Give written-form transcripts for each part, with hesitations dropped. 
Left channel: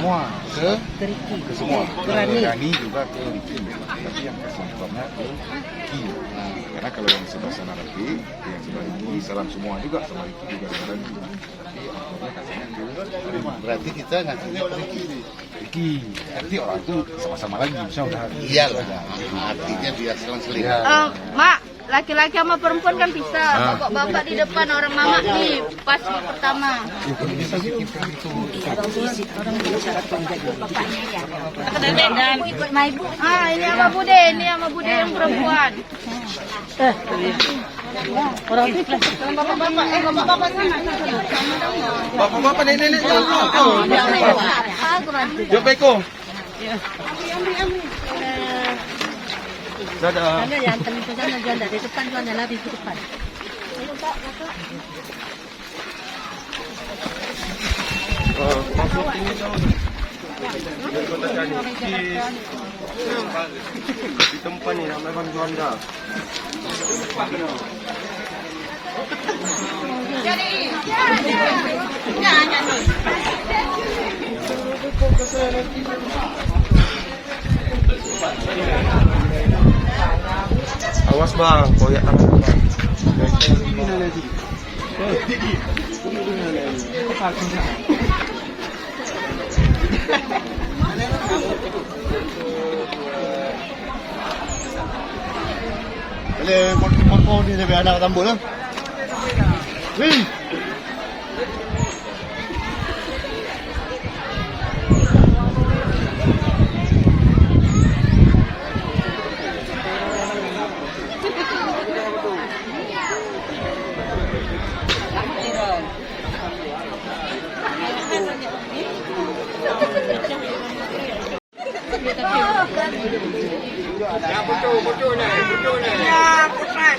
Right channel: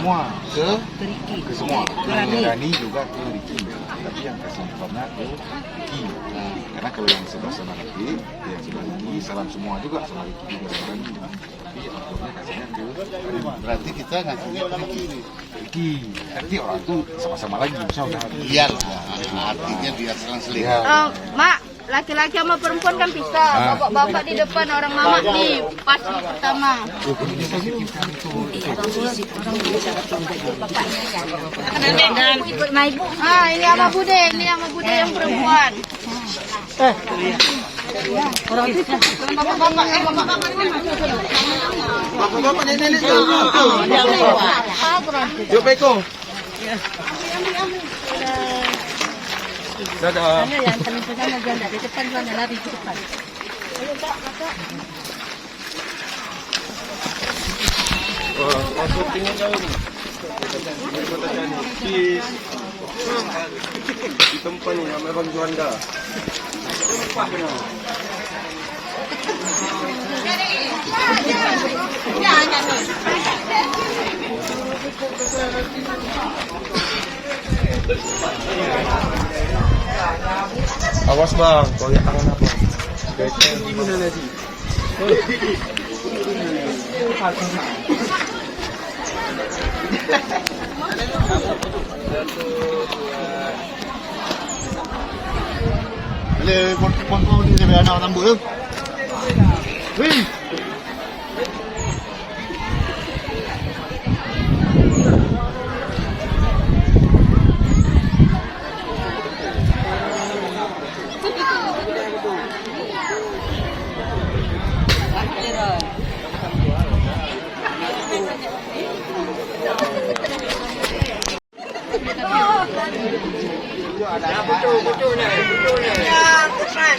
semua ke Ricky. ke semua. Rani. Rani juga ke Ricky. Tapi yang kasih informnya ke Ricky. Karena kalau yang sebelah sana Ricky, yang sebelah Ricky, salam semua juga sama Ricky juga sama Rani. Tapi akhirnya kasihnya ke Berarti kita ngasihnya ke Ricky nih. Ricky. Nanti orang itu sama-sama lagi. Iya lah. Artinya dia selang-seling. Mak, laki-laki sama perempuan kan bisa. Bapak-bapak di depan, orang mama nih pas pertama. Bapaknya ya. Dan ikut sama ibu. Ini sama Bude, yang perempuan. Orang itu Bapak-bapak nenek itu. yang lewat. Dia Beko. Dadah. Yang telepon sana dari depan, sana lari ke depan. Masuk ini jauh ni. Di tempat ni nama Bang Juanda. Awas bang, koyak tangan bang. Boleh mangkau ni sampai anak rambut tu. Wih. Ya betul ni. Ya, bukan.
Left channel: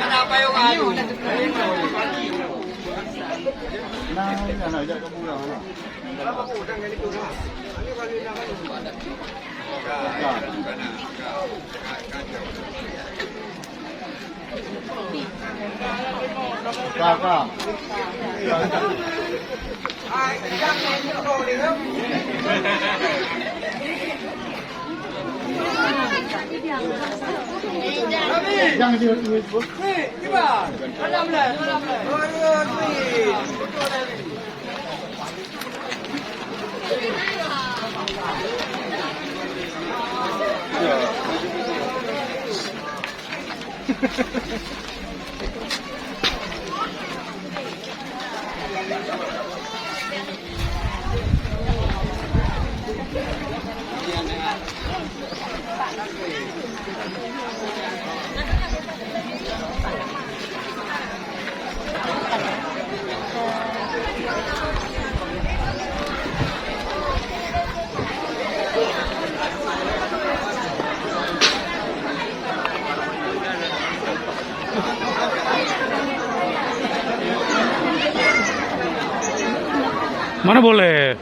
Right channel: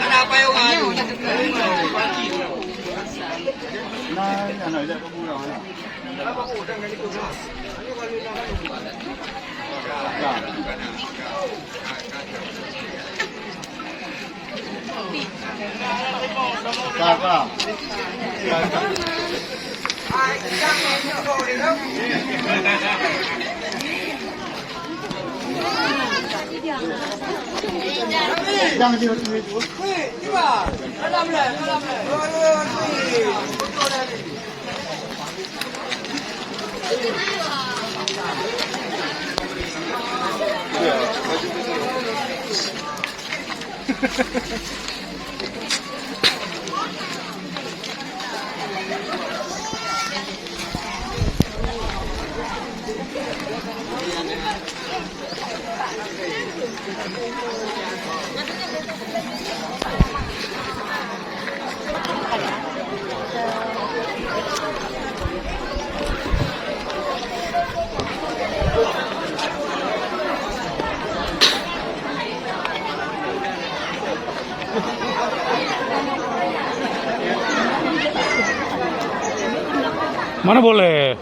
Ada apa yang ada? Nah, anak dia kamu dah. Kakak. Jangan dia itu. Mana boleh?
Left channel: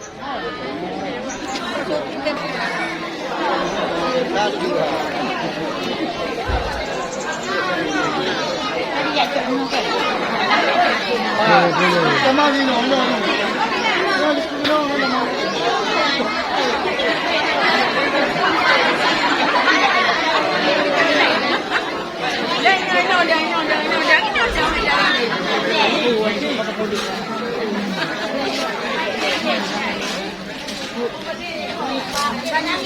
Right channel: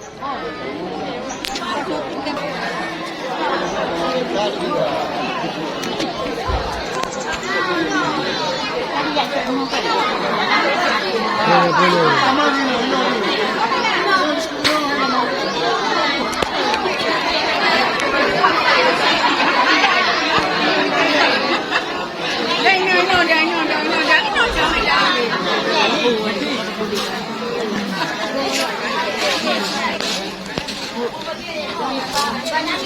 Jangan